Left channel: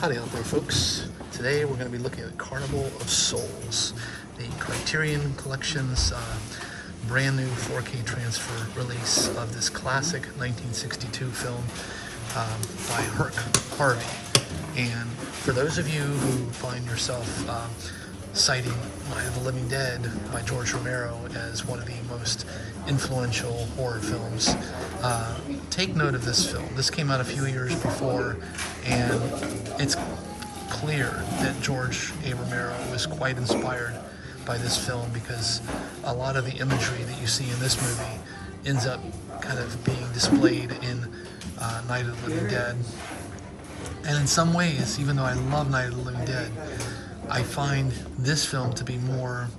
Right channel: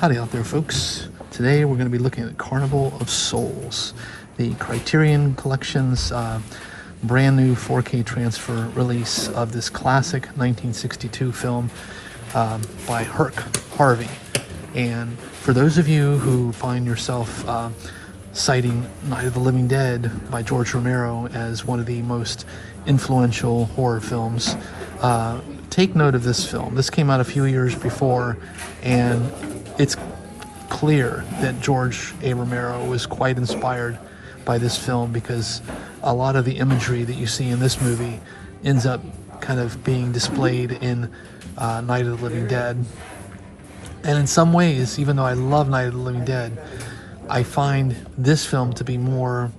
Howdy out there, folks. Today we're going to be looking at Carnival of Souls, the Criterion Collection's brand new 4K transfer release of this classic 1962 film by Herc Harvey. And for those of you who find yourself citing Night of the Living Dead by George Romero as one of the most influential horror films, take note of this film. This came out a few years before, and it's clear that George A. Romero was quite inspired by this film, because a lot of the imagery that you see in this movie ends up kind of being displayed in Night of the Living Dead. And in some ways, even though I love Night of the Living Dead, I find this film to be more,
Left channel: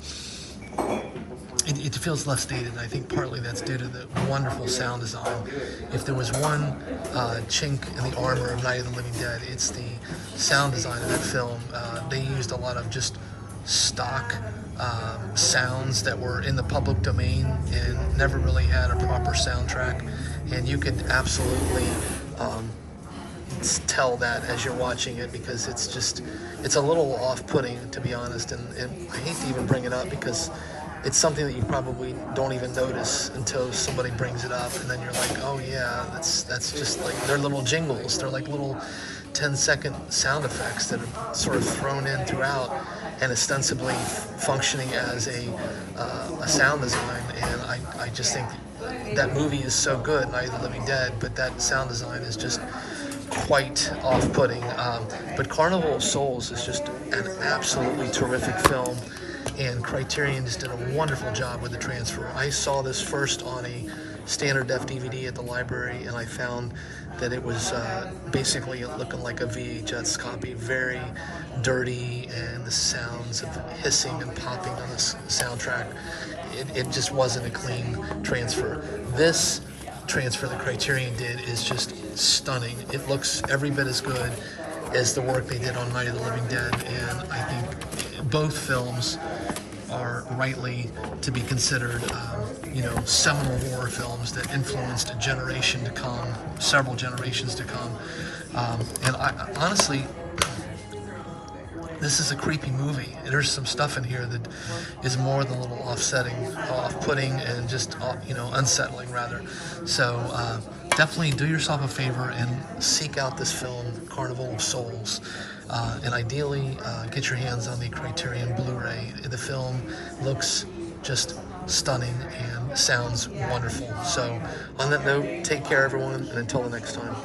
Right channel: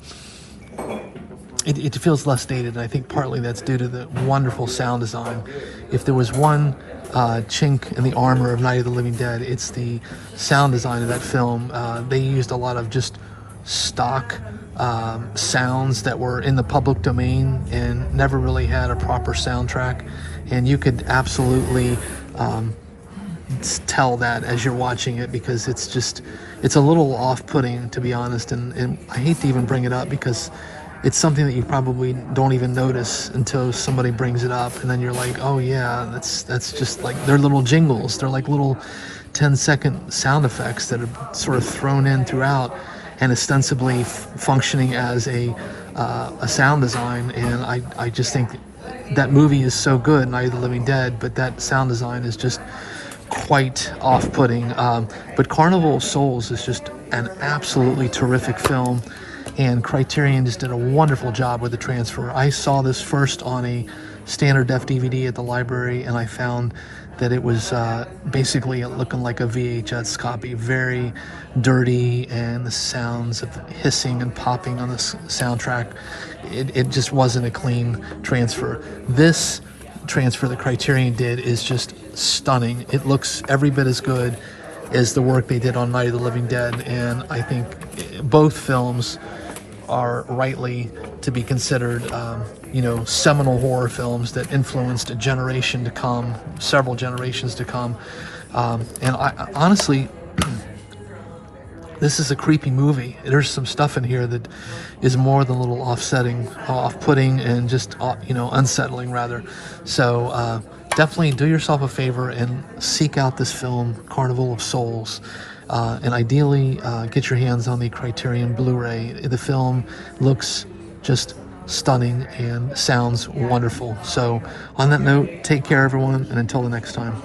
it feels less dated, and I think partly that's due to the wonderful sound design. If there was one chink in the armor of Night of the Living Dead, it's the sound design of that film. They used a lot of just stock sounds that were in the public domain and never really had a proper soundtrack, and you could absolutely tell that as you're watching it, because it's a little off-putting, to be honest, and I hate to even bring it up because it's something that you probably don't even notice until somebody brings it up, and then you're like, oh yeah, that's just like, they're little jingles, they're like little 10-second sound effects that are sort of thrown in throughout and ostensibly functioning as a sound design. And I just think that movie is so good, Night of the Living Dead, but that sound design is just quite off-putting. But Carnival of Souls is just an absolutely terrific film, and Criterion just did a wonderful job with the transfer. I saw this first on a standard def DVD at the library, and I found that it was basically looking like a VHS copy, very dirty, and the sounds of hissing and popping on the soundtrack, it just wasn't a clean transfer. This transfer that Criterion did is just stunning. It looks every bit as good as the work they did on Night of the Living Dead, and I think both films are rightly to be considered, seminal horror films that influenced a generation to come, several generations to come. And I honestly, this is a creepy movie. There's some stuff in here that is more than a little off-putting, and just unsettling rather. So definitely do yourself a favor and seek out this film, Carnival of Souls. And ideally get your hands on the Criterion Blu-ray. The film looks just stunning and sounds wonderful. So on that note, take care everyone, and until the next time.